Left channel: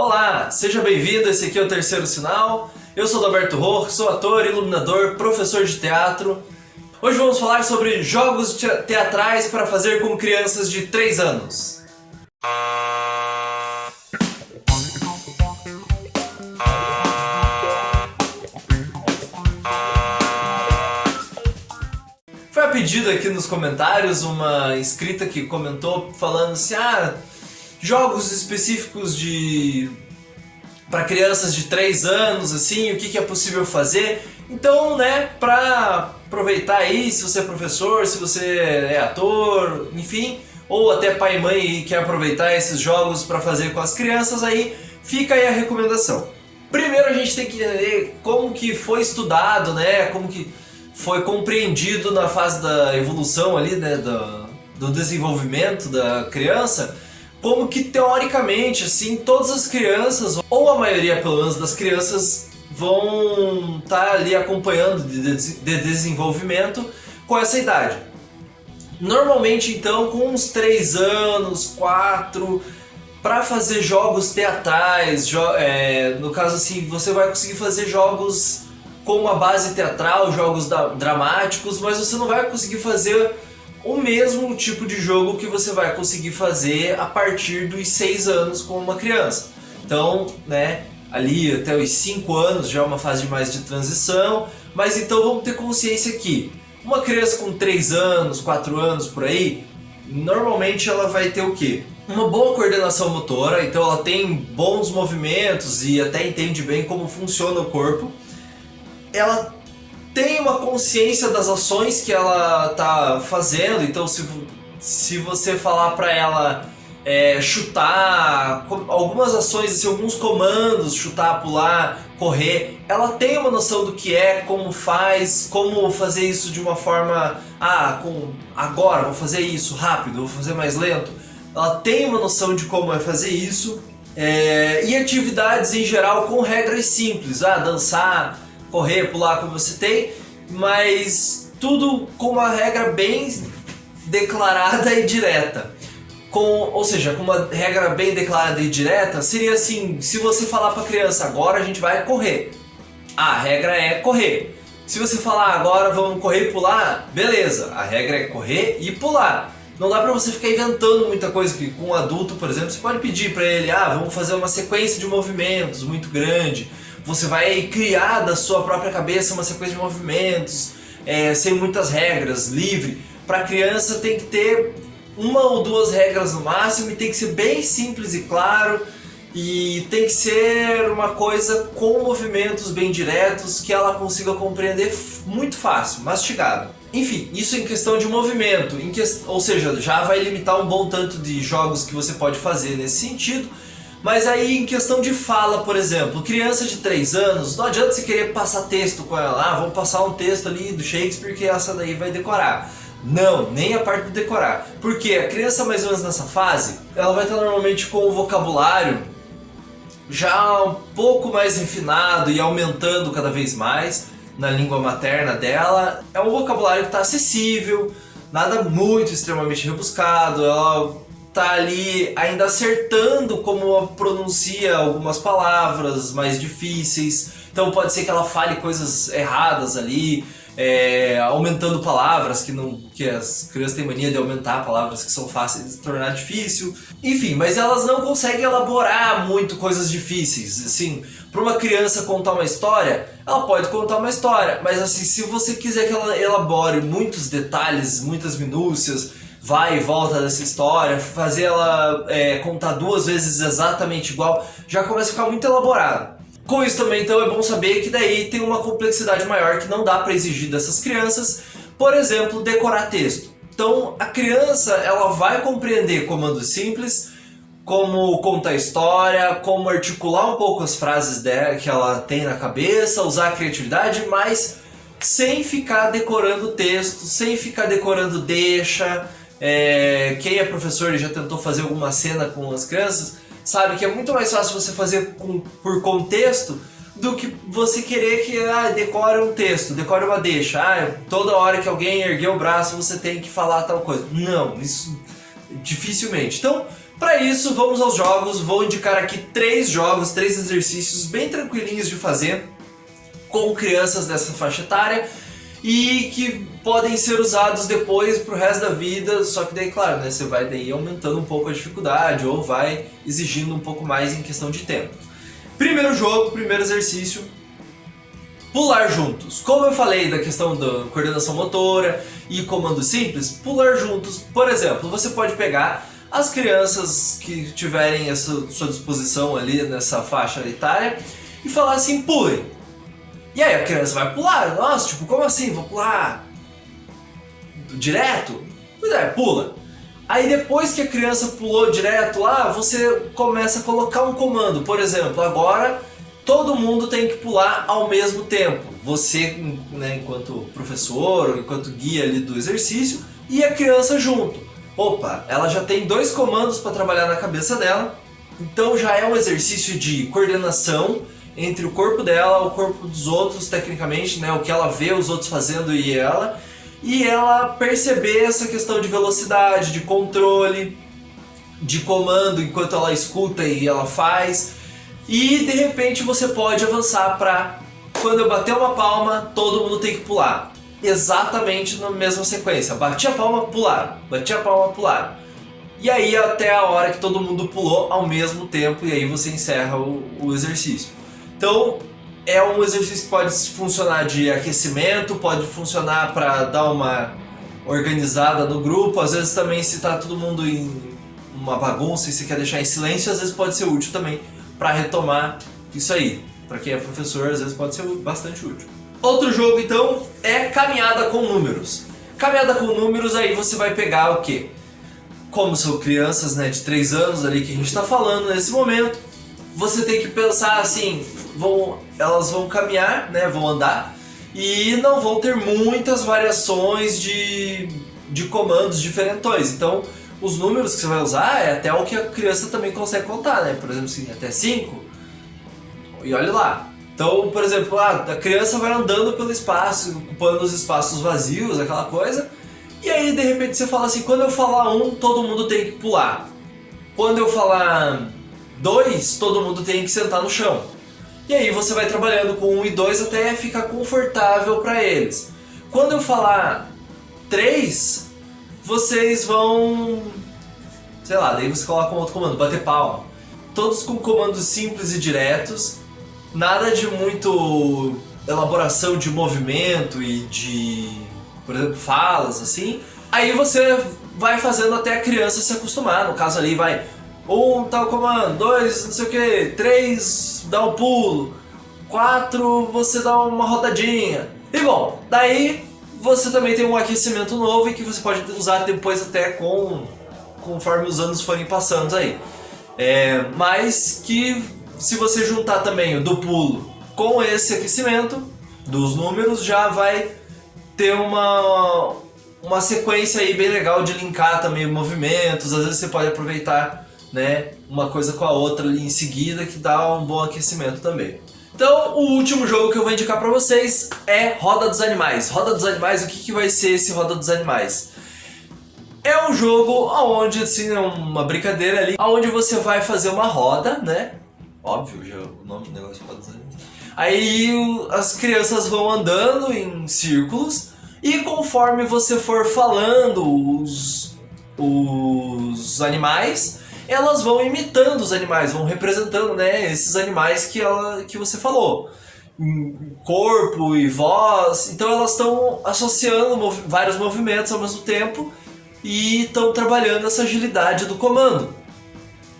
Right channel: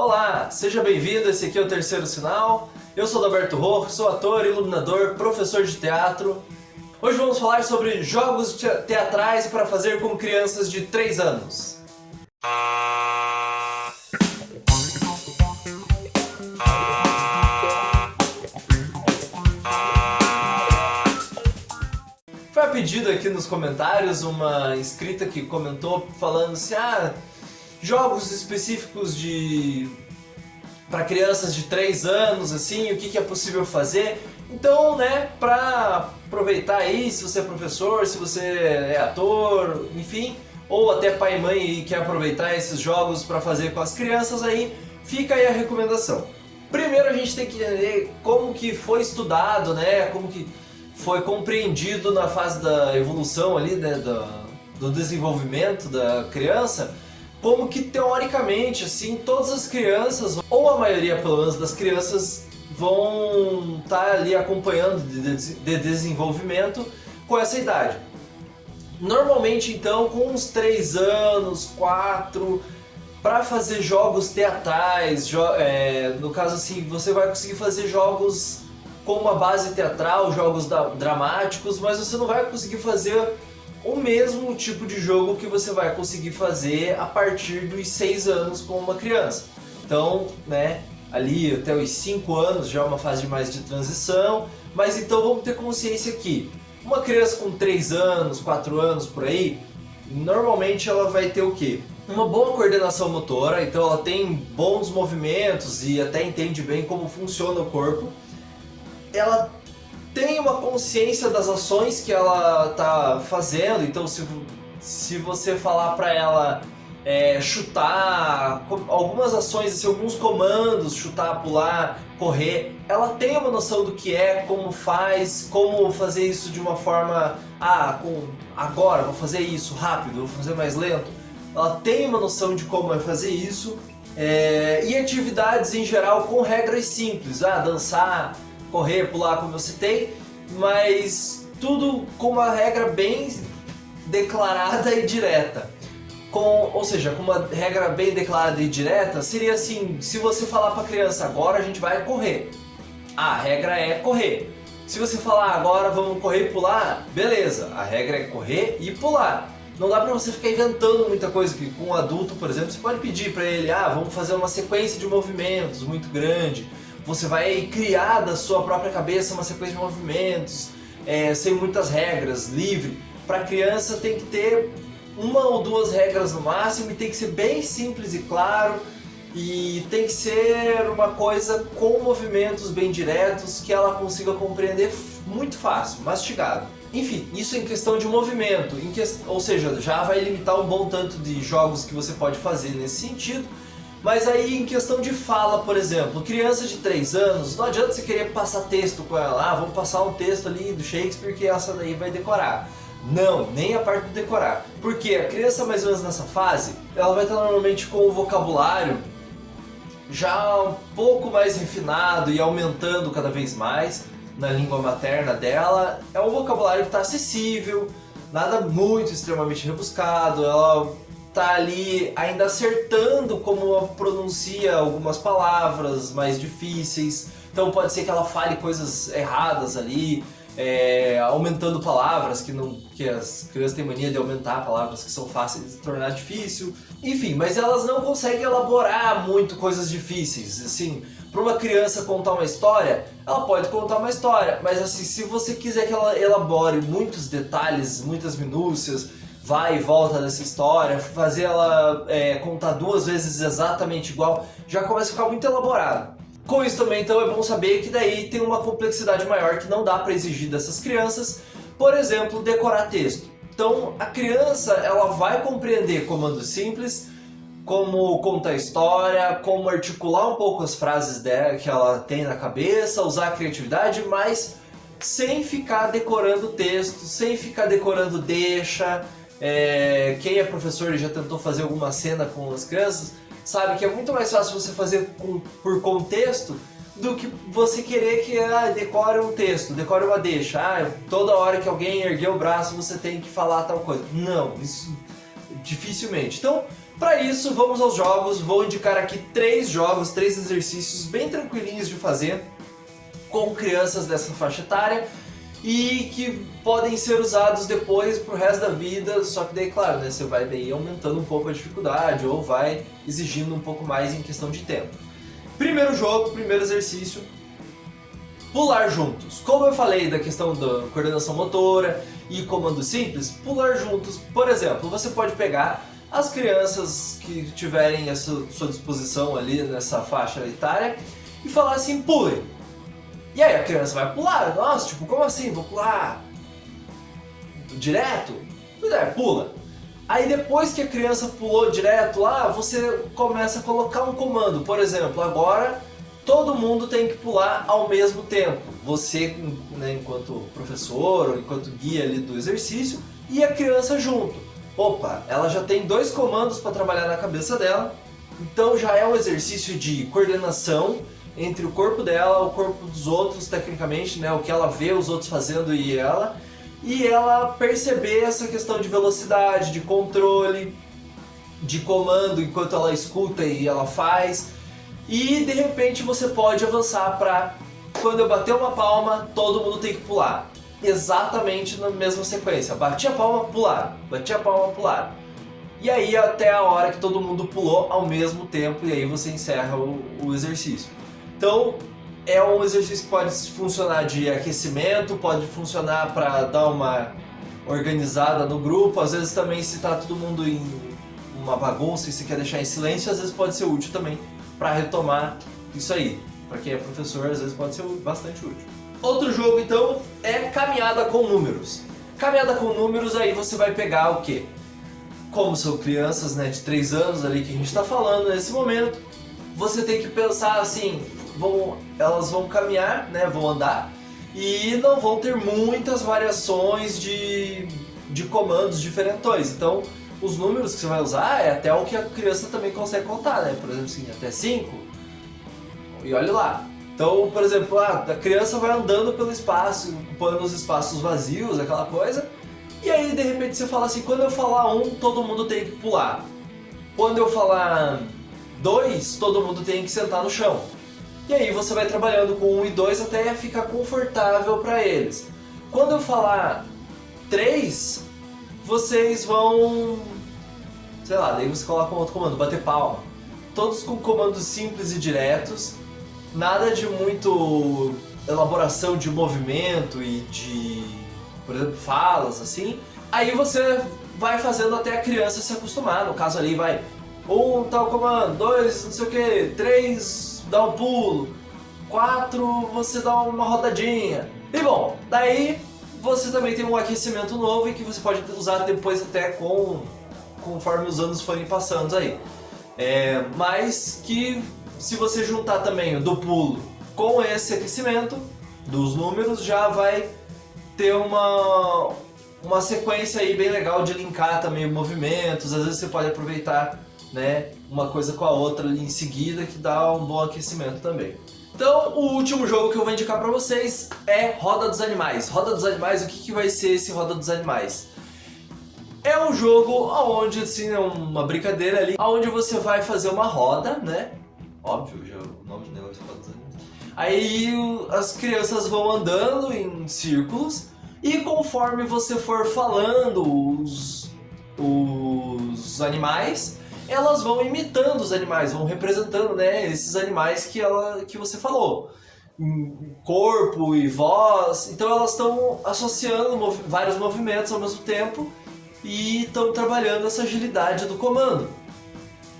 Olá, seja bem-vindo, esse aqui é o Terceiro Sinal. Eu sou Adalberto Roch, sou ator, iluminador, professor de teatro. Hoje vamos falar sobre jogos teatrais para fazer com crianças de 3 anos. Foi a pedido aqui nos comentários uma inscrita que comentou falando assim, jogos específicos para crianças de 3 anos, assim, o que é possível fazer. Então, né, para aproveitar aí, se você é professor, se você é ator, enfim, ou até pai e mãe e quer aproveitar esses jogos para fazer com as crianças, aí fica aí a recomendação. Primeiro a gente tem que entender como que foi estudado, né, como que foi compreendido na fase da evolução ali, né, do desenvolvimento da criança, como que teoricamente, assim, todas as crianças, ou a maioria pelo menos das crianças, vão estar ali acompanhando de desenvolvimento com essa idade. Normalmente, então, com uns 3 anos, 4, para fazer jogos teatrais, no caso assim, você vai conseguir fazer jogos com uma base teatral, jogos dramáticos, mas você não vai conseguir fazer o mesmo tipo de jogo que você vai conseguir fazer a partir dos 6 anos com uma criança. Então, né, ali até os 5 anos já é uma fase mais de transição, mas então vamos ter consciência que uma criança com 3 anos, 4 anos por aí, normalmente ela vai ter o quê? Uma boa coordenação motora, então ela tem bons movimentos e até entende bem como funciona o corpo. Ela tem uma consciência das ações que ela tá fazendo, então se você falar para ela chutar, algumas ações, assim, alguns comandos, chutar, pular, correr, ela tem uma noção do que é, como faz, como fazer isso de uma forma, agora vou fazer isso rápido, vou fazer mais lento. Ela tem uma noção de como é fazer isso, e atividades em geral com regras simples, dançar, correr, pular, como você tem, mas tudo com uma regra bem declarada e direta. Ou seja, com uma regra bem declarada e direta, seria assim, se você falar para a criança, agora a gente vai correr, a regra é correr. Se você falar, agora vamos correr e pular, beleza, a regra é correr e pular. Não dá para você ficar inventando muita coisa, porque com um adulto, por exemplo, você pode pedir para ele, vamos fazer uma sequência de movimentos muito grande. Você vai criar da sua própria cabeça uma sequência de movimentos, sem muitas regras, livre. Para a criança tem que ter 1 ou 2 regras no máximo e tem que ser bem simples e claro, e tem que ser uma coisa com movimentos bem diretos que ela consiga compreender muito fácil, mastigado. Enfim, isso em questão de movimento, ou seja, já vai limitar um bom tanto de jogos que você pode fazer nesse sentido. Mas aí em questão de fala, por exemplo, criança de 3 anos, não adianta você querer passar texto com ela, vamos passar um texto ali do Shakespeare que essa daí vai decorar. Não, nem a parte do decorar. Porque a criança mais ou menos nessa fase, ela vai estar normalmente com o vocabulário já um pouco mais refinado e aumentando cada vez mais na língua materna dela. É um vocabulário que está acessível, nada muito extremamente rebuscado, ela tá ali ainda acertando como pronuncia algumas palavras mais difíceis, então pode ser que ela fale coisas erradas ali, aumentando palavras que as crianças têm mania de aumentar palavras que são fáceis de se tornar difícil, enfim, mas elas não conseguem elaborar muito coisas difíceis, assim, para uma criança contar uma história, ela pode contar uma história, mas assim, se você quiser que ela elabore muitos detalhes, muitas minúcias, vai e volta dessa história, fazer ela contar 2 vezes exatamente igual, já começa a ficar muito elaborado. Com isso também, então, é bom saber que daí tem uma complexidade maior que não dá para exigir dessas crianças, por exemplo, decorar texto. Então, a criança ela vai compreender comandos simples, como contar história, como articular um pouco as frases dela, que ela tem na cabeça, usar a criatividade, mas sem ficar decorando texto, sem ficar decorando deixa. Quem é professor e já tentou fazer alguma cena com as crianças sabe que é muito mais fácil você fazer por contexto do que você querer que decore um texto, decore uma deixa, toda hora que alguém erguer o braço você tem que falar tal coisa. Não, isso dificilmente. Então Para isso, vamos aos jogos. Vou indicar aqui 3 jogos, 3 exercícios bem tranquilinhos de fazer com crianças dessa faixa etária e que podem ser usados depois pro resto da vida, só que daí, claro, né, você vai daí aumentando um pouco a dificuldade ou vai exigindo um pouco mais em questão de tempo. Primeiro jogo, primeiro exercício, pular juntos. Como eu falei da questão da coordenação motora e comando simples, pular juntos. Por exemplo, você pode pegar as crianças que tiverem a sua disposição ali nessa faixa etária e falar assim, pulem. E aí a criança vai pular. Nossa, tipo, como assim? Vou pular direto? Pois é, pula. Aí depois que a criança pulou direto lá, você começa a colocar um comando. Por exemplo, agora todo mundo tem que pular ao mesmo tempo. Você, né, enquanto professor ou enquanto guia ali do exercício, e a criança junto. Opa, ela já tem 2 comandos para trabalhar na cabeça dela. Então já é um exercício de coordenação entre o corpo dela, o corpo dos outros, tecnicamente, né, o que ela vê os outros fazendo e ela perceber essa questão de velocidade, de controle, de comando enquanto ela escuta e ela faz. E de repente você pode avançar para quando eu bater uma palma, todo mundo tem que pular. Exatamente na mesma sequência. Bati a palma, pular. Bati a palma, pular. E aí até a hora que todo mundo pulou ao mesmo tempo e aí você encerra o exercício. Então, é um exercício que pode funcionar de aquecimento, pode funcionar para dar uma organizada no grupo, às vezes também se tá todo mundo em uma bagunça e se quer deixar em silêncio, às vezes pode ser útil também para retomar isso aí. Para quem é professor, às vezes pode ser bastante útil. Outro jogo, então, é caminhada com números. Caminhada com números, aí você vai pegar o quê? Como são crianças, né, de 3 anos ali que a gente está falando nesse momento, você tem que pensar assim, elas vão caminhar, né, vão andar e não vão ter muitas variações de comandos diferentões. Então, os números que você vai usar é até o que a criança também consegue contar, né? Por exemplo, assim, até 5 e olha lá. Então, por exemplo, a criança vai andando pelo espaço, ocupando os espaços vazios, aquela coisa. E aí, de repente, você fala assim, quando eu falar 1, todo mundo tem que pular. Quando eu falar 2, todo mundo tem que sentar no chão. E aí você vai trabalhando com 1 e 2 até ficar confortável para eles. Quando eu falar 3, vocês vão... sei lá, daí você coloca um outro comando, bater palma. Todos com comandos simples e diretos. Nada de muito elaboração de movimento e de, por exemplo, falas, assim. Aí você vai fazendo até a criança se acostumar. No caso ali vai 1 tal comando, 2 não sei o que, 3 dá um pulo, 4 você dá uma rodadinha. E bom, daí você também tem um aquecimento novo e que você pode usar depois até conforme os anos forem passando aí. Mas que se você juntar também o do pulo com esse aquecimento dos números, já vai ter uma sequência aí bem legal de linkar também movimentos. Às vezes você pode aproveitar, né, uma coisa com a outra ali em seguida, que dá um bom aquecimento também. Então, o último jogo que eu vou indicar pra vocês é Roda dos Animais. Roda dos Animais, o que vai ser esse Roda dos Animais? É um jogo onde, assim, é uma brincadeira ali, onde você vai fazer uma roda, né? Óbvio, já o nome do negócio é Roda dos Animais. Aí as crianças vão andando em círculos e conforme você for falando os animais, elas vão imitando os animais, vão representando, né, esses animais que você falou. Corpo e voz, então elas estão associando vários movimentos ao mesmo tempo e estão trabalhando essa agilidade do comando.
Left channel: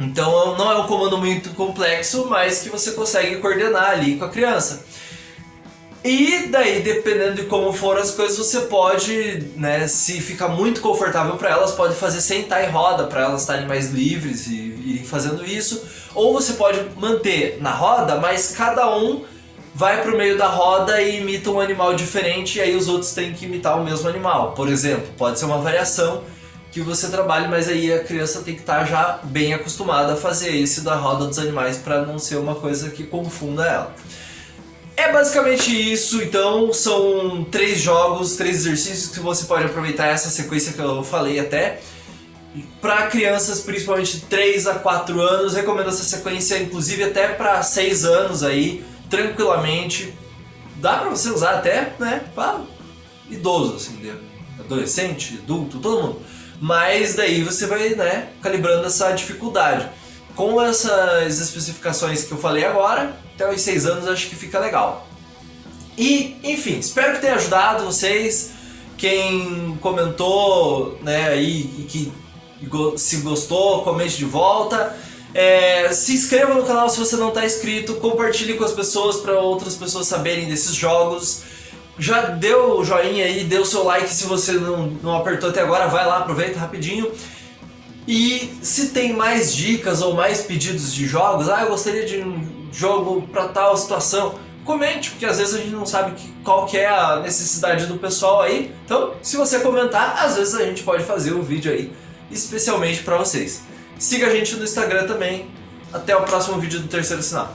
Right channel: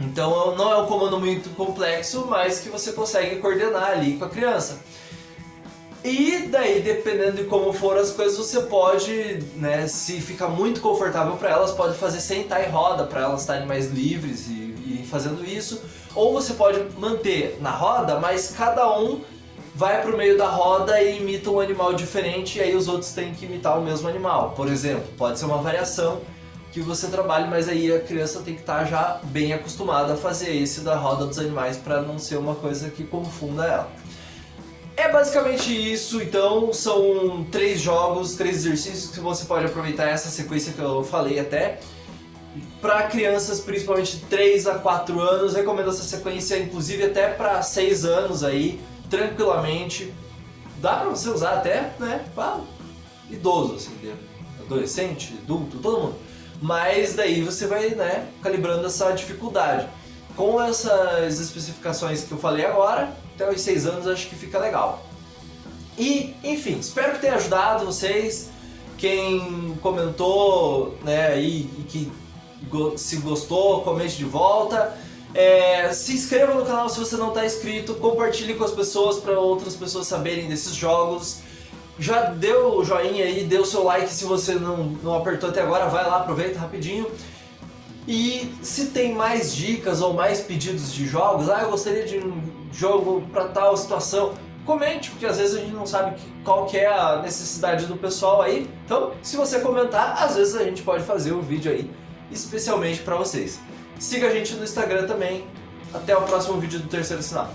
Então não é um comando muito complexo, mas que você consegue coordenar ali com a criança. E daí, dependendo de como foram as coisas, você pode, né, se ficar muito confortável para elas, pode fazer sentar em roda para elas estarem mais livres e irem fazendo isso. Ou você pode manter na roda, mas cada um vai pro meio da roda e imita um animal diferente e aí os outros têm que imitar o mesmo animal. Por exemplo, pode ser uma variação que você trabalhe, mas aí a criança tem que estar já bem acostumada a fazer esse da roda dos animais para não ser uma coisa que confunda ela. É basicamente isso, então são 3 jogos, 3 exercícios que você pode aproveitar essa sequência que eu falei até. Para crianças, principalmente de 3 a 4 anos, recomendo essa sequência, inclusive até para 6 anos aí, tranquilamente. Dá para você usar até, né, para idoso, assim, né? Adolescente, adulto, todo mundo. Mas daí você vai, né, calibrando essa dificuldade. Com essas especificações que eu falei agora, até os 6 anos acho que fica legal. E, enfim, espero que tenha ajudado vocês. Quem comentou, né, aí, que se gostou, comente de volta. Se inscreva no canal se você não está inscrito, compartilhe com as pessoas para outras pessoas saberem desses jogos. Já deu o joinha aí, deu o seu like se você não apertou até agora, vai lá, aproveita rapidinho. E se tem mais dicas ou mais pedidos de jogos, eu gostaria de um jogo para tal situação, comente, porque às vezes a gente não sabe qual que é a necessidade do pessoal aí. Então, se você comentar, às vezes a gente pode fazer um vídeo aí especialmente para vocês. Siga a gente no Instagram também. Até o próximo vídeo do Terceiro Sinal.